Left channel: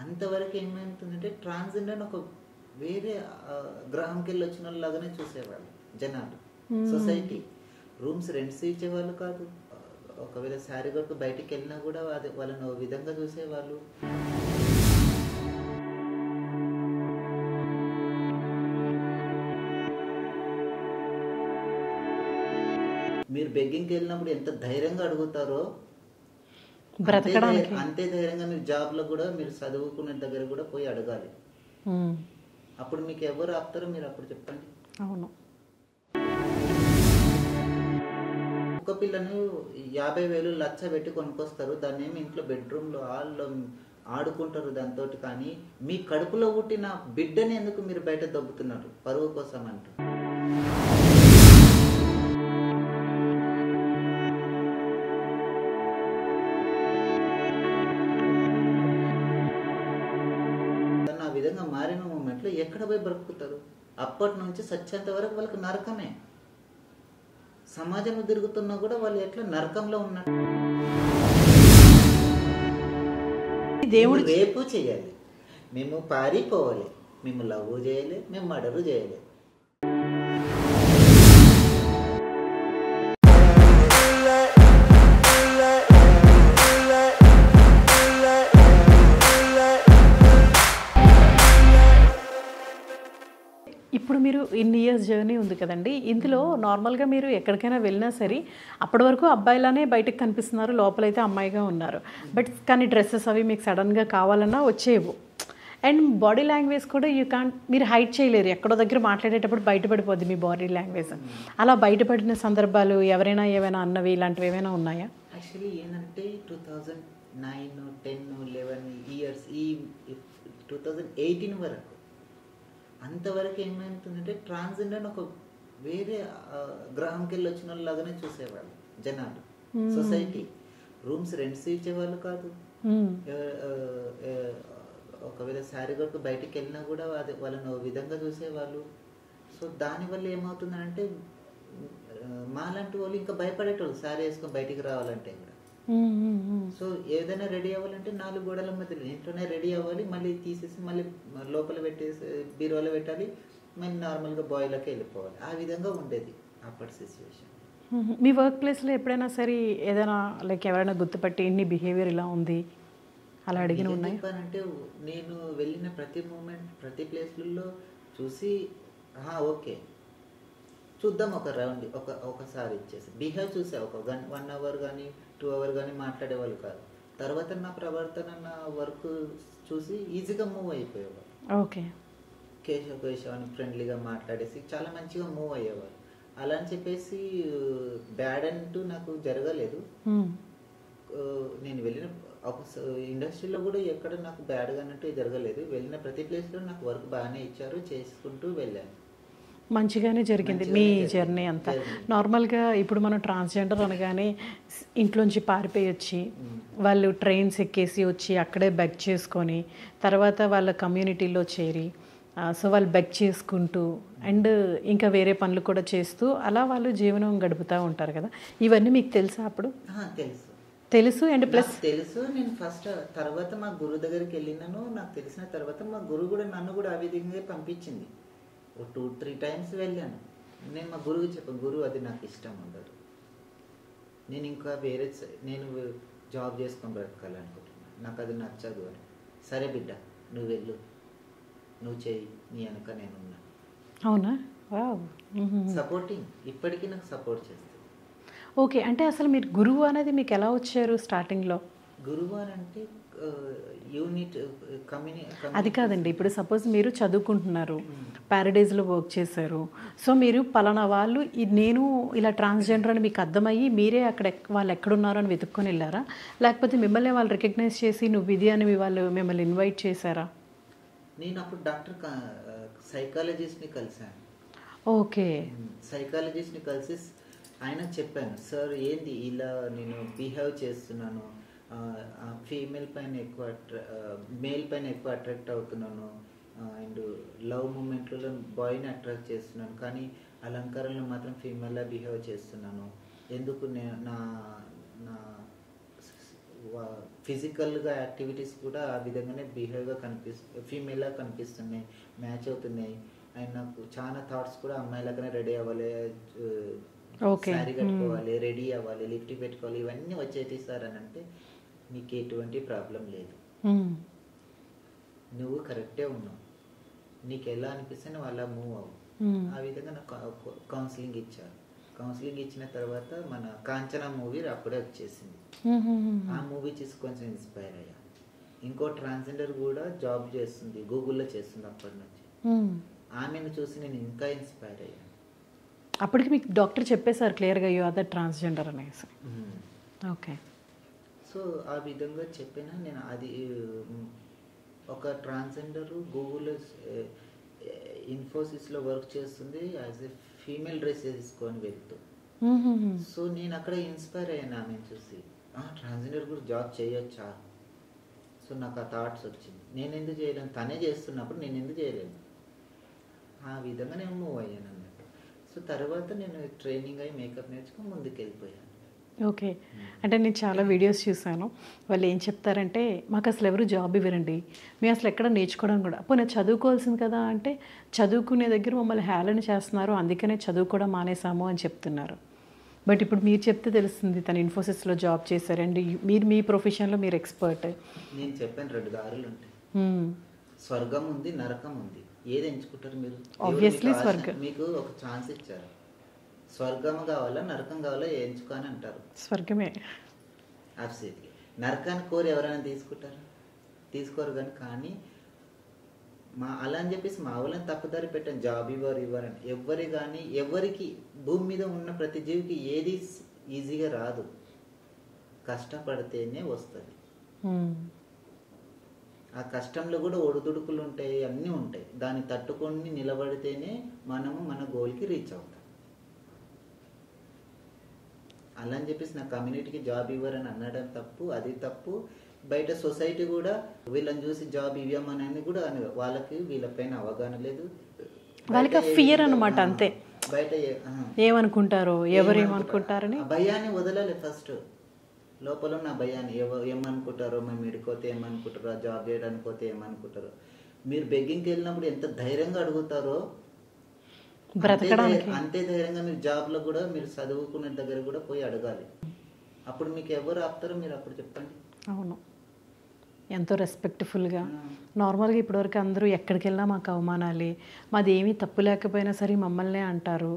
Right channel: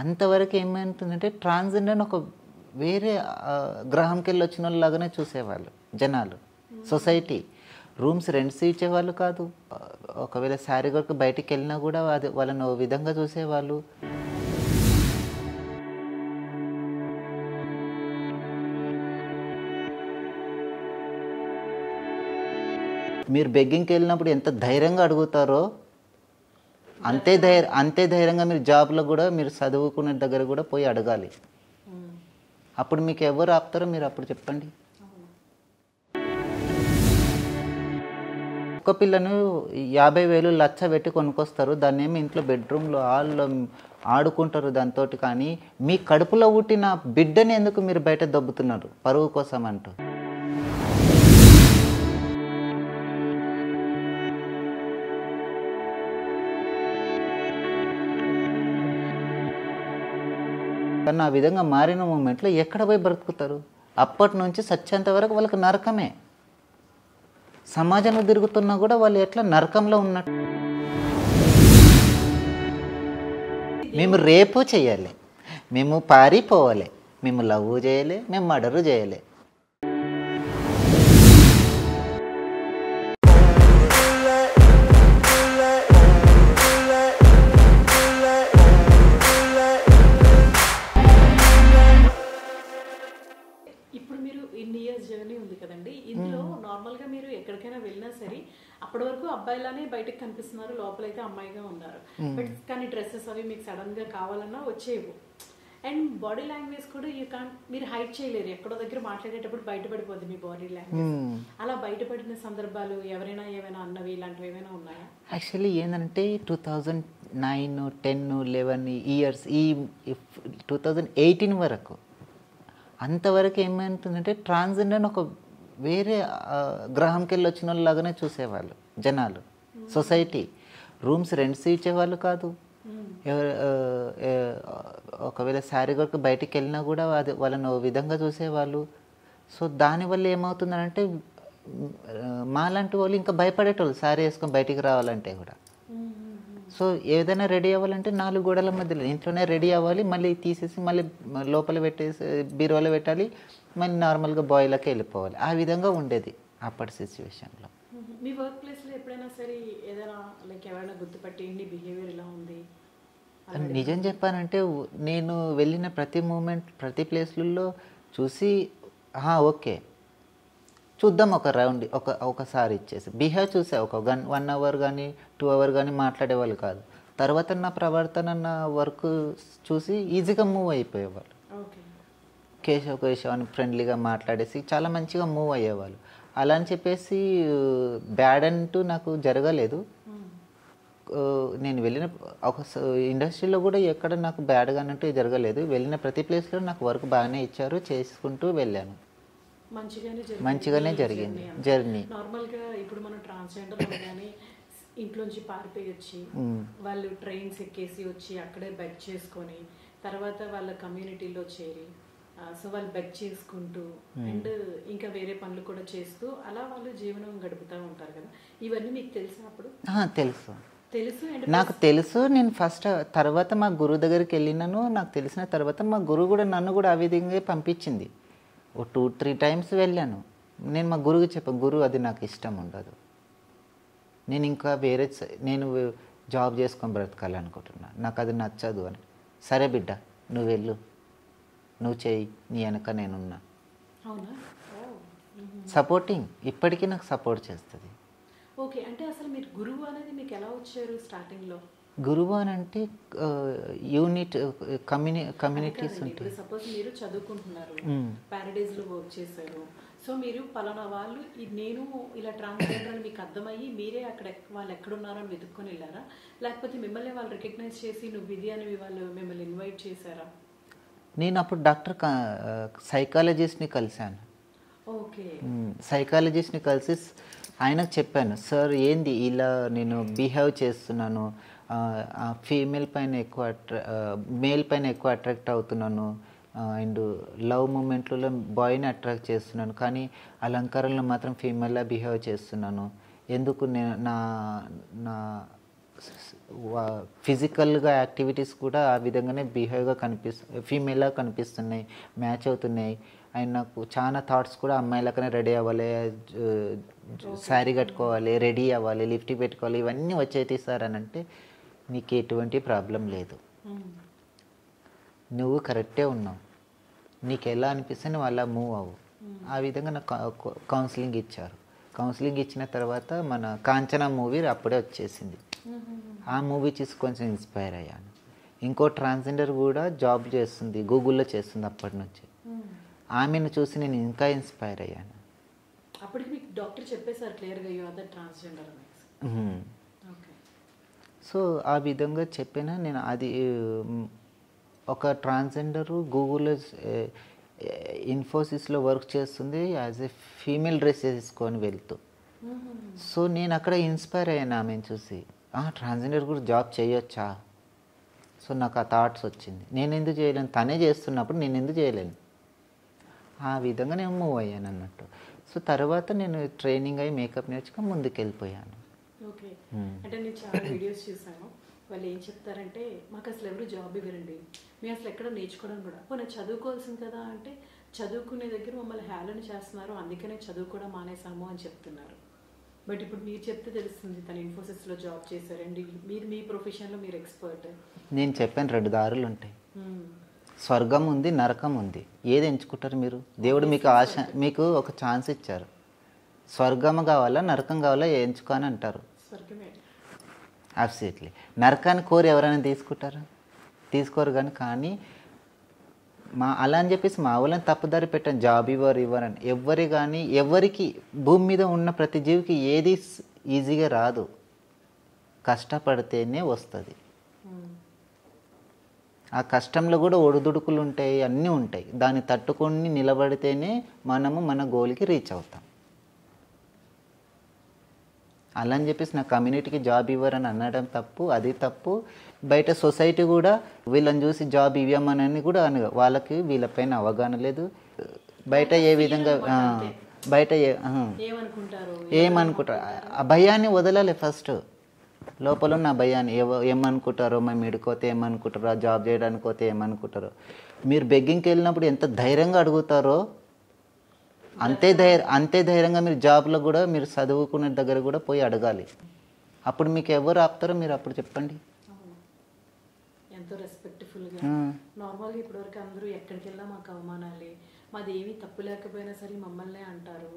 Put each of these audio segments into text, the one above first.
అంతవరకు ఏమైతుందంటే ట్రాన్స్‌జెండర్ అని ఒక వేరే గ్రహంకెళ్ళి వచ్చినోళ్ళలాగానే చూసేవాళ్ళు జనాలు. సొసైటీ. రూమ్స్ రెంట్స్ ఇచ్చేవాళ్ళు కాదు. ఒకవేళ శారీ కొరకు బయటికెళ్ళినా గూడా అది వాళ్ళని ఓ విధంగా చూసేవాళ్ళు. మీరు బెగ్గింగ్‌కెళ్ళినప్పుడు ఎంత ధైర్యంగా అడుగుతారో అంతే ధైర్యంగా మీరు జాబ్‌లో గూడా మీరు చదువుకునే దగ్గర గూడా పోయి అడగాలి. అప్పుడు మీకు ఎవరు ఆపుతారో మీరు అప్పుడు చెప్పండి. అవును. కుక్క పిల్లను 50,000 లచ్చ పెట్టి కొనుక్కొస్తారు. దాన్నేమో ఇంట్లో బెడ్‌రూమ్‌లో హాల్‌లో ఆడుకుంటారు దాంతోటి. కానీ మీ కడుపులో పుట్టిన బిడ్డని ఎందుకు మీరు బయట దొబ్బుతున్నారు పరువు కోసం అంటూ? కానీ ఆ విధంగా మారిన మూమెంట్‌లో ఎక్కడ పోయి బ్రతుకుతారు? అప్పటి నుంచి చచ్చేంత వరకు వాళ్ళకి నరకమే. సమాజంలో తిరుగుతున్నా కూడా వాళ్ళు ఎట్లా నరకంలో ఉన్నట్టు. మేము రేపు చేయాలి, మేము పారిపోవాలి, మేము లవ్ చేయాలి, మేము మర్డర్ చేయాలి. ఇప్పుడు మీరు ఇన్ని ఇయర్స్ జర్నీ ఉంది కదండి, ఇందులో నార్మల్గా మీరు ఎక్కడికైనా వెళ్ళినా సరే అప్పటి వరకు అబ్బాయిలానే బయటకు కనిపిస్తున్నారు, లోపలైతే అమ్మాయిగా ఉన్నారు. బట్ కానీ డ్రెస్సెస్ అవి మీకు సడన్గా కావాలన్నా వచ్చేవు. అండ్ బాడీ లాంగ్వేజ్ కూడా మీరు హైడ్ చేయలేరు. ఎక్కడో దగ్గర మాట్లాడేటప్పుడు బయటపడిపోద్ది మీ బాడీ లాంగ్వేజ్. అలా బయటపడిన సందర్భాలు ఎవరైనా ఏమైనా అన్నవి ఇలాంటివి ఏమైనా ఉన్నాయా? యాక్చువల్లీ ఏంటంటే 2009, 10, 11 ఇయర్స్ ఈ 2018 వరకు అంతవరకు ఏమైతుందంటే ట్రాన్స్‌జెండర్ అని ఒక వేరే గ్రహంకెళ్ళి వచ్చినోళ్ళలాగానే చూసేవాళ్ళు జనాలు. సొసైటీ. రూమ్స్ రెంట్స్ ఇచ్చేవాళ్ళు కాదు. ఒకవేళ శారీ కొరకు బయటికెళ్ళినా కూడా అది వాళ్ళని ఓ విధంగా చూసేవాళ్ళు. సో దానివల్ల ఏమవుతుందంటే మాలాంటి వాళ్ళు ఇంకా భయపడేటోళ్ళు శారీ వేసుకొని బయటికి రావాలంటే కూడా. సో ఏదైనా రెడీ అవ్వాలంటే 4 గోడల మధ్యలో ఇంట్లోనే రెడీ అవ్వాలి, మళ్ళీ తీసేసి మళ్ళీ లోపల పెట్టేసి బీరువాలో పెట్టాలి, మళ్ళీ నార్మల్గా బాయ్లకి వెళ్ళిపోవాలి. ఆ విధంగా ఉండేది అప్పటి సిచ్యువేషన్లో. మీ వర్క్ ప్లేస్లో ఎప్పుడైనా సరే ఏదైనా లైక్ ఎవరైనా గుర్తుపట్టి నీ బిహేవియర్ ఇలా ఉంది అలా అడిగి? నిజం చెప్పానంటే నేను వెళ్ళిన ప్రతి మూమెంట్ ప్రతి ప్లేస్లలో చూసి ఓకే చూద్దాం ఒక రౌండ్ ఒకసారి ఇచ్చేసి బిహేవ్ చూసే ఒక 1 అవర్ కానీ 2 అవర్ కానీ మాట్లాడేవాళ్ళు కాదు. తర్వాత నా ప్రవర్తన నా వర్క్ చూసి ఈజీగా మూవ్ అయిపోయేవాళ్ళు. ఓకే. కేశవ్ అని ఫ్రెండ్లీగా మాట్లాడేసి చాలా మంచిగా మూవ్ అయ్యేవాళ్ళు. అలా అని చెప్పేసి బ్యాడ్ అంటూ నాకు జరగలేదు. నేను వెళ్ళిన ఒక ఇండస్ట్రీలో కూడా ఎక్కడ నాకు బ్యాడ్గా అన్నట్టు జరగలేదు. వెళ్ళిన ప్రతి ప్లేస్లో నాకు వర్క్ బాగానే ఇచ్చారు, చేసుకుంటూ వెళ్ళాను. మంచిగానే జరిగింది జర్నీ అంతా. నార్మల్గా ఇప్పుడు మనం ట్రాన్స్జెండర్ అనగానే ఇంట్లోంచి పారిపోయి వచ్చి వాళ్ళు ట్రైన్స్ ఎక్కేసి వచ్చి అక్కడే బెగ్ చేసుకొని తర్వాత వాళ్ళ కమ్యూనిటీలో చేరి సో వాళ్ళు బెగ్ చేసుకుంటూ అండ్ ఇంకా వేరే పనులు కూడా చేస్తూ అలా వాళ్ళు జీవనం గడుపుతూ ఉంటారు కదా. ఇవన్నీ మీకు తెలుసా అప్పుడు? తెలుసు అండ్ నాకు తెలుసు. నేను ఫస్ట్ తర్వాత మా గురువు దగ్గరికి వెళ్ళినాను. నాకు తెలిసిన తర్వాత మా గురువు కూడా నన్ను కూడా ఆ విధంగా పంపించింది. ఓ 2-3 టైమ్స్ వెళ్ళాను. నేను మా గురువుకి చెప్పాను, గురువు అది నాకు ఇష్టం ఉండదు, నేను ఇంకా నేను జాబ్ చేసుకొని బ్రతకాలనుకుంటున్నా, నాకు అది నచ్చదు అని. సరే బిడ్డ నువ్వు వెళ్ళు, నువ్వు చేయి, నీ వెనక నేనున్నా. అవునా? సపోర్టింగ్ ఇప్పటికీ నాకు సపోర్ట్ చేస్తుంది. ఓకే. అంటే అసలు మీరు గురువు అనేది మీకు ఎలా వచ్చారు స్టార్టింగ్లో? గురువు అని అంటే యూనిట్ అది కాదండి. ఇప్పుడు సపోజ్ మీరు చదువుకుంటున్నారు, ప్యారడైజ్లో వర్క్ చేశారు, సో మీరు పలానా వాళ్ళు నేను ఇలా ట్రాన్స్జెండర్ అని మీకు అర్థమయ్యి మీరే అక్కడ వాళ్ళు ఎక్కడున్నారో అని వెతుక్కొని వెళ్ళారా, లేకపోతే మిమ్మల్ని వాళ్ళు రికగ్నైజ్ చేసి నువ్వు ఇది అని వాళ్ళు మిమ్మల్ని ఇన్వైట్ చేశారా? నేను అప్పుడు డాక్టర్ సైకాలజిస్ట్ని కలిశాను. ఓకే. సైకాలజిస్ట్ని కలిసి ఆయనకు చెప్పాను, సార్ ఏంది ఇలా నేను బిహేవ్ చేస్తున్నాను, ఫీమేల్ పైన ఎక్కువ మేల్ పైన ఎక్కువ అట్రాక్ట్ అవుతున్నాను, అండ్ లవ్ మూమెంట్లలో బాయ్ని అట్రాక్ట్ చేస్తున్నాను, కానీ అలంకారంలో మాత్రం ఫీమేల్లా బిహేవ్ చేస్తున్నాను, ఎందుకు నేను నా ఫిజికల్గా యాక్టివిటీస్ కూడా ఆ విధంగానే బిహేవ్గా ఫీమేల్లా కనిపిస్తున్నాయి, మ్యాచ్ అవుతున్నాయి. అండ్ నాకు చాలా థాట్స్ కూడా అమ్మాయిలకనే రెడీ అవ్వాలి, శారీ కట్టుకోవాలి, రెడీ అవ్వాలి, లిఫ్ట్ పెట్టుకోవాలి, ఇవన్నీ వచ్చేది సార్ అని అంటే నీకు ఎటువంటి ప్రాబ్లం లేదు, నువ్వు కరెక్టే ఉన్నావు, నీకు ఎలా అనిపిస్తే నువ్వు అలా మూవ్ అవ్వు. ఆ విధంగా నాకు కౌన్సిలింగ్ ఇచ్చారు. కౌన్సిలింగ్ ఇచ్చిన తర్వాత మన కాంచనా మూవీ అప్పుడే వచ్చేసింది. ఆ మూవీ చూసి కొంచెం ఇన్స్పైర్ అయ్యాను. ఇంకో ట్రాన్స్జెండర్ కూడా జాబ్ చేస్తుంది, గూగుల్లో చేస్తుంది అప్పటి నుంచి. ఆమెను చూసి నేను ఇంకా ఇన్స్పైర్ అయ్యాను. అప్పటికి మీకు డాక్టర్ చెప్పేశారు క్లియర్గా యూ ఆర్ ద ట్రాన్స్జెండర్ అనేసి. ఓకే. సో ఆ విధంగా చెప్పినా నేను అది ఒక ట్రాన్స్జెండరు గూగుల్లో ఇన్ఫోసిస్లో వర్క్ చేస్తుంది యాజ్ ఏ ఫీమేల్ డ్రెస్ వేసుకొని వెళ్తూ. సో నేను అక్కడ ఇన్స్పైర్ అయ్యాను ఆమెను చూసి, ట్రాన్స్జెండర్ కూడా జాబ్ చేయొచ్చా. సో నాకు ఆ థాట్స్ వచ్చింది, నేను ఎందుకు చేయలేను, తనే చేస్తున్నప్పుడు నేను ఎందుకు చేయలేను. ఆ విధంగా నేను మూవ్ అయ్యాను అన్నట్టు. సో తర్వాత నేను ట్రైనింగ్ అయ్యి మేకప్ నేర్చుకొని ముందుకు వెళ్ళిపోయాను. ఓకే. అంటే నేను చాలా వీడియోస్ చూసాను. వాళ్ళు ఏం చెప్తారంటే మాకు అసలు ఎవరు జాబ్ ఇవ్వరండి, మేము అసలు ఎక్కడ నేర్చుకోవడం కూడా, పోనీ చదువుకోవాల్సింది కదా అంటే చదువుకునే దగ్గర మమ్మల్ని హేళన చేస్తున్నారు, అందుకనే చదువుకోవడం మానేసాము అని చెప్తున్నారు. బట్ ఇప్పుడు మీరు చెప్తే తెలుస్తుంది తను ఇన్ఫోసిస్లో జాబ్ చేశారండి, మీరు మీ ప్రొఫెషన్లో మీరు ఎక్స్పర్ట్. నేను చెప్పాను 2 దారులు ఉంటాయి, స్వర్గం ఉంది, నరకం ఉంది, ఏది ఎంచుకుంటారు మీరు? దేవుడు మీకు ఒక ఛాన్స్ ఇచ్చారు, స్వర్గం కావాలా నరకం కావాలా ఎంచుకొని అంటారు. స్వర్గమే. అబ్సల్యూట్లీ. నరకాన్ని కోరి ఎవరైనా తీసుకుంటారు? తీసుకోరు. కానీ అలా అని చెప్పేసి మా వాళ్ళని తప్పుదారి పెట్టాను, జాబ్ ఇవ్వరని. ఎవరికి భూమి మీద ఉన్న ప్రతి జీవికి ఏది ఈజీగా రాదు, కష్టపడితేనే వస్తుంది. ఆ కష్టంలో కూడా ఒడిదుడుకులు ఉంటాయి, అన్నీ ఉంటాయి. దాన్ని తట్టుకొని నిలబడితేనే మనము మన గోల్కి రీచ్ అవుతాం. అలా అని చెప్పేసి నా కమ్యూనిటీకి జాబ్ ఇవ్వరని అనడం తప్పు, అది తప్పు. బయట సొసైటీ కూడా వీళ్ళని చూసి జాబ్ ఇవ్వమని కూడా వాళ్ళకి వీళ్ళపైన అవగాహన లేదు. బయట ఏమనుకుంటారు, ఆ భయాన్ని వదలాలి. ఫస్ట్ లోపల ఉన్న భయాన్ని ఏమనుకుంటారో, మేము ఇడుకోతే ఏమనుకుంటారో, జాబ్ చేయడానికి పోతే ఏమనుకుంటారో. మీరు బెగ్గింగ్కి వెళ్ళినప్పుడు ఎంత ధైర్యంగా అడుగుతారో అంతే ధైర్యంగా మీరు జాబ్లో కూడా, మీరు చదువుకునే దగ్గర కూడా పోయి అడగాలి. అప్పుడు మీకు ఎవరు ఆపుతారో మీరు అప్పుడు చెప్పండి. అవును, ఎంతో రెస్పెక్ట్ఫుల్గా. నార్మల్గా ఇప్పటివరకు అందరూ ఎక్కడికి వెళ్ళినా మాకు అవమానాలే, మాది ఏమీ తప్పు లేకపోయినా సరే మమ్మల్నే అంటారు.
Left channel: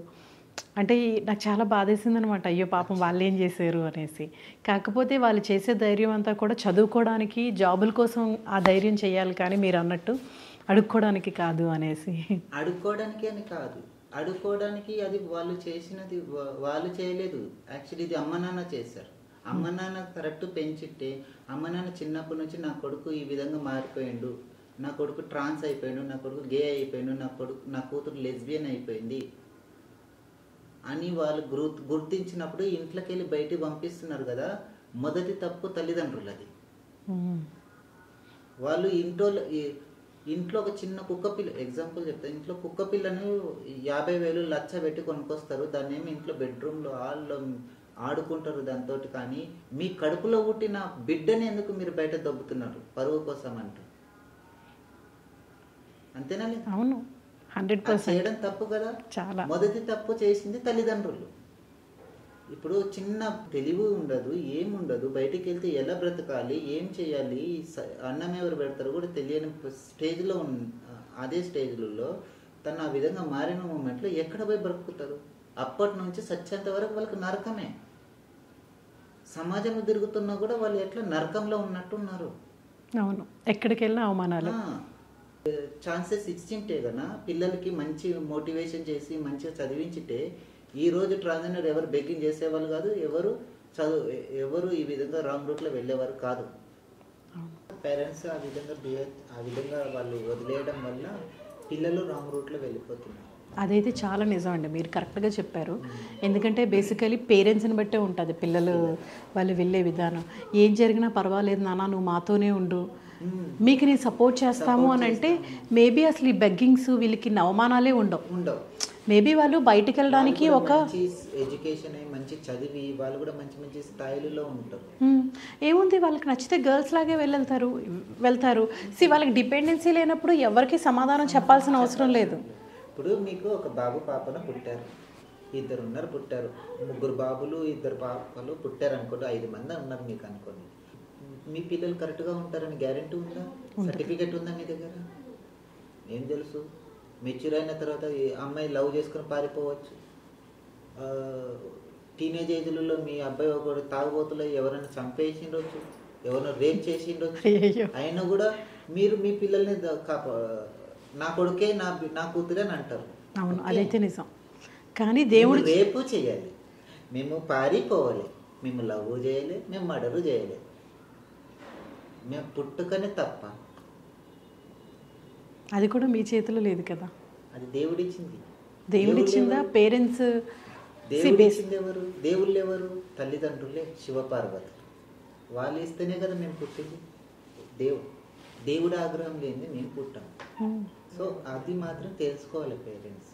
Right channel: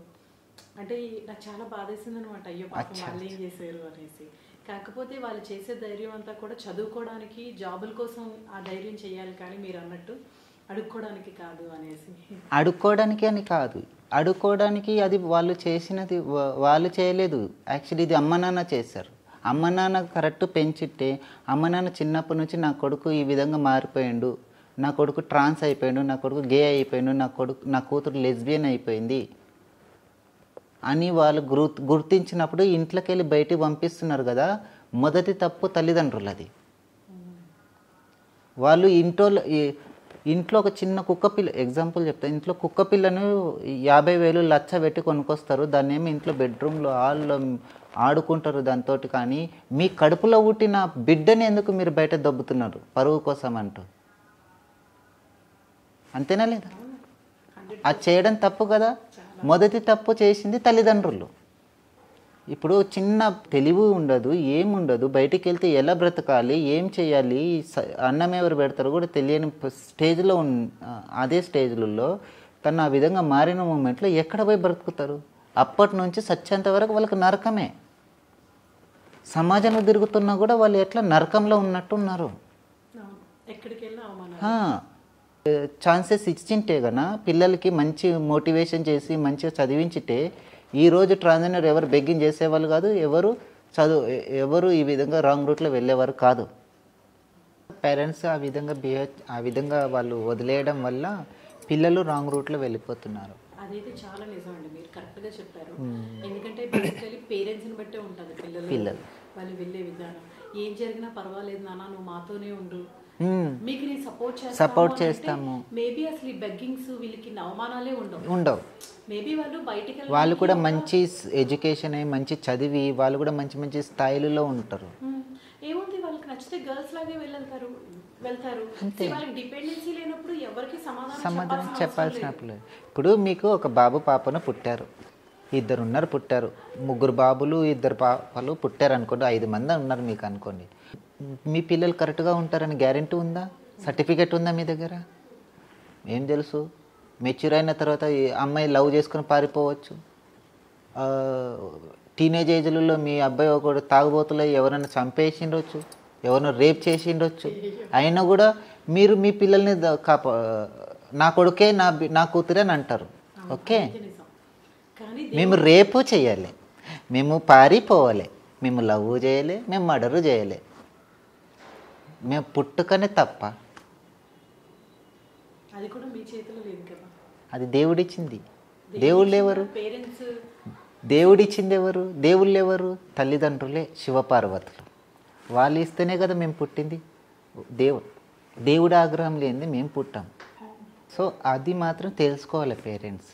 అంటే నాకు చాలా బాధేసింది అనమాట, అయ్యో పాపం వాళ్ళు ఏం చేశారు అనేసి. కాకపోతే వాళ్ళు చేసే ధైర్యం అంతా కూడా చదువుకోవడానికి, జాబుల కోసం ఆ ధైర్యం చేయాలి, కానీ మీరు అన్నట్టు అడుక్కోవడానికి కాదు అనేసి. అడుక్కోవడానికి అని కాదు, అడుక్కోవడానికి అది వాళ్ళు చేసినది వాళ్ళు చేయలేదు. యాక్చువల్లీ ఇది అమ్మ నాన్న చేశారు. అమ్మ నాన్న కరెక్ట్ పెంచిట్టే, అమ్మ నాన్న చిన్నప్పటి నుంచి నా కొడుకు ఈ విధంగా మారిపోయాడు, నా కొడుకు ట్రాన్స్ అయిపోయాడు, నా కొడుకు గే అయిపోయాడు, నా కూతురు లెస్బియన్ అయిపోయింది అని వాళ్ళు గుర్తించినప్పుడు ఇంట్లోకి వెళ్ళి బయటికి పంపిస్తున్నారు కదా. మొదటి తప్పు తల్లిదండ్రులది. వాళ్ళు ఇంట్లో ఒక చిన్న కుక్క పిల్ల, ఎగ్జాంపుల్ చెప్తాను, ఇంట్లో కుక్క పిల్లను 50,000 లచ్చ పెట్టి కొనుక్కొస్తారు. దాన్ని ఏమి ఇంట్లో బెడ్రూమ్లో హాల్లో ఆడుకుంటారు దాంతో. కానీ మీ కడుపులో పుట్టిన బిడ్డని ఎందుకు మీరు బయట దొబ్బుతున్నారు పరువు కోసం అంటూ? అంతేనా లేదా? అవును, అది చేయడం తప్పు కదా. మొదటి తప్పు చేసింది తల్లిదండ్రులు. ఇప్పుడు చిన్న తెలివి ఉండదు, ఏముండదు, బయటికి వెళ్తే ఎలా బ్రతకాలి, ఏం చేయాలి, అన్నం ఎవరు పెడతారు కూడా తెలియని స్టేజ్లో అదే స్టేజ్లలో తను ఆ విధంగా మారిన మూమెంట్లో ఎక్కడ పోయి బ్రతుకుతారు? అప్పటి నుంచి సత్యంత వరకు వాళ్ళకి నరకమే. సమాజంలో తిరుగుతున్నా కూడా వాళ్ళు ఎట్లా నరకంలో ఉన్నట్టున్నారు. అవును, ఎక్కడికి వెళ్ళినా అవమానాలు. ఛాన్సెస్ ఇచ్చింటే కన్నా పిల్లలకి మంచి మోటివేషన్ చేసి మంచిగా చదివించితే ఈరోజు ట్రాన్స్జెండర్ ఎవరు బెగ్గింగ్ చేసేవాళ్ళు కాదు, ఎవరు ఈ విధంగా రాంగ్ రూట్లో వెళ్ళేవారు కాదు. పేరెంట్స్ ఆ విధంగా వాళ్ళు వదిలేయడం వల్ల పిల్లలు రాంగ్ రూట్లో వెళ్ళిపోతున్నారు. అదైతే చాలా నిజం అండి, మీరు కరెక్ట్గా చెప్పారు. ఎందుకంటే బేసికలీ పేరెంట్స్ని బట్టే ఉంటుంది పిల్లలు వాళ్ళు వెళ్ళే విధానం. ఏం జరిగినా పర్వాలేదు నాన్న, నువ్వు మాతోనే ఉండు, మీకు నేను సపోర్ట్ చేస్తాము అని అంటే మేబీ అసలు ఈ బెగ్గింగ్స్ వీళ్ళకి అవమానాలే ఉండవు. మేబీ వాళ్ళు బయటికి వాళ్ళు వెళ్ళడానికి కూడా మంచి ఎడ్యుకేషన్ అయ్యి మంచి చదివి వాళ్ళు కూడా మంచి మంచి స్థాయిలలో ఉంటారు. ఏముంది వాళ్ళకి నచ్చితే గర్ల్స్ లాగే వెళ్తారు. వాళ్ళకి డిపెండెన్సీ లేనప్పుడు ఎవరికి సమాధానం చెప్పాల్సిన అవసరం లేదు. ఇప్పుడు మీకు ఒక బాబు పాపను పుట్టారు, ఇద్దరు పుట్టారు, 3 బాబులు 2 పాపలు పుట్టారు అనుకోండి, 5 మంది ఉన్నారు మీకు అనుకోండి. మీ పిల్లలు కరెక్ట్గా ఉంటారని గ్యారెంటీ ఉందా? సర్టిఫికెట్ ఉందా మీ దగ్గర? ఏం తెలుసు? మెచ్యూర్ అయిన తర్వాత ఈ అమ్మాయి లవ్ చేసుకుని పారిపోవచ్చు. టీనేజ్ ఏజ్లలో మీ అబ్బాయి ఒకడు తాగుబోతులు ఎవరైనా చంపేసిండొచ్చు, ఎవరైనా రేప్ చేసిండొచ్చు. అయినా కూడా మీరు మీ పిల్లల్ని నా కొడుకే నా కూతురే అని అంటారు. ఓకే, కానీ మేము రేపు చేయాలి, మేము పారిపోవాలి, మేము లవ్ చేయాలి, మేము మర్డర్ చేయాలి, మేము పుట్టుకనే తప్ప. అది కూడా మీ చేతిలో లేదు కదా, అది దేవుడిచ్చింది. దేవుళ్ళు ఎవరు? పేరెంట్స్. దేవుడిచ్చింది ఎవరు? దేవుళ్ళు ఎవరు? తల్లిదండ్రులే, శివపార్వతులు. వాళ్ళు ఇస్తేనే కదా మేము పుట్టింది. దేవుడి ఆగ్రహం లేనిది మేము పుట్టాం. సో అది మాత్రం తెలుసుకోవాలి పేరెంట్స్.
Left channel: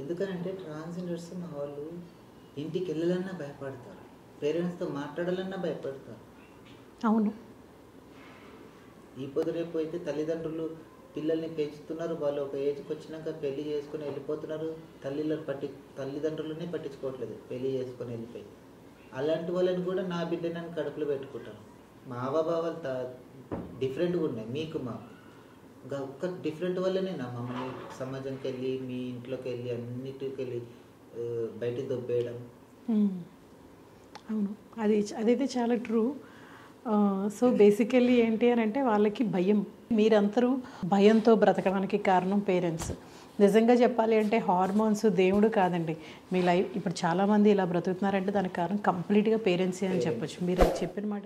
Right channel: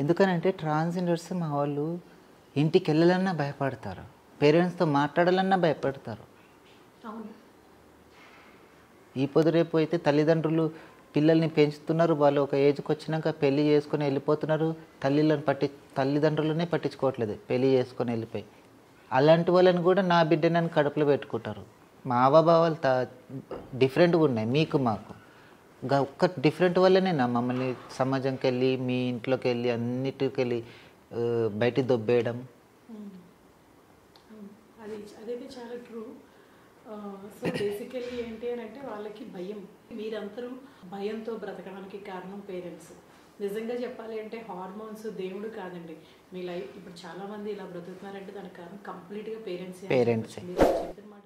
ఎందుకనంటే ట్రాన్స్జెండర్స్ మా వాళ్ళు ఇంటికి వెళ్ళాలన్నా భయపడతారు, పేరెంట్స్తో మాట్లాడాలన్నా భయపడతారు. అవును, ఈ పొద్దు రేపు అయితే తల్లిదండ్రులు పిల్లల్ని పెంచుతున్నారు, వాళ్ళు ఒక ఏజ్కి వచ్చినాక పెళ్లి చేసుకొని వెళ్ళిపోతున్నారు, తల్లిదండ్రులనే పట్టించుకోవట్లేదు, పెళ్లి చేసుకొని వెళ్ళిపోయి. అలాంటి వాళ్ళని కూడా నా బిడ్డనని కడుపులో పెట్టుకుంటారు. మా హావభావాలు డిఫరెంట్గా ఉన్నాయి మీకు మాకు. ఒక్క డిఫరెంట్ వల్లనే నా మమ్మల్ని సమాజంకి వెళ్ళి మీ ఇంట్లోకి వెళ్ళి అన్నిటికి వెళ్ళి బయటికి దొబ్బేయడం. అవును, అదైతే చాలా ట్రూ. సో బేసికల్లీ ఏంటి అని అంటే వాళ్ళకి భయం. మీరందరూ భయంతో బ్రతకడానికి కారణం పేరెంట్స్. నిజంగా చెప్పాలి అంటే హార్మోన్స్ దేవుడు కాదండి. మీ లైఫ్ ఇప్పుడు చాలామంది ఇలా బ్రతుకుతున్నారంటే దానికి కారణం కంప్లీట్గా పేరెంట్స్ అని చెప్పచ్చు. మీరు చెప్పిన మాట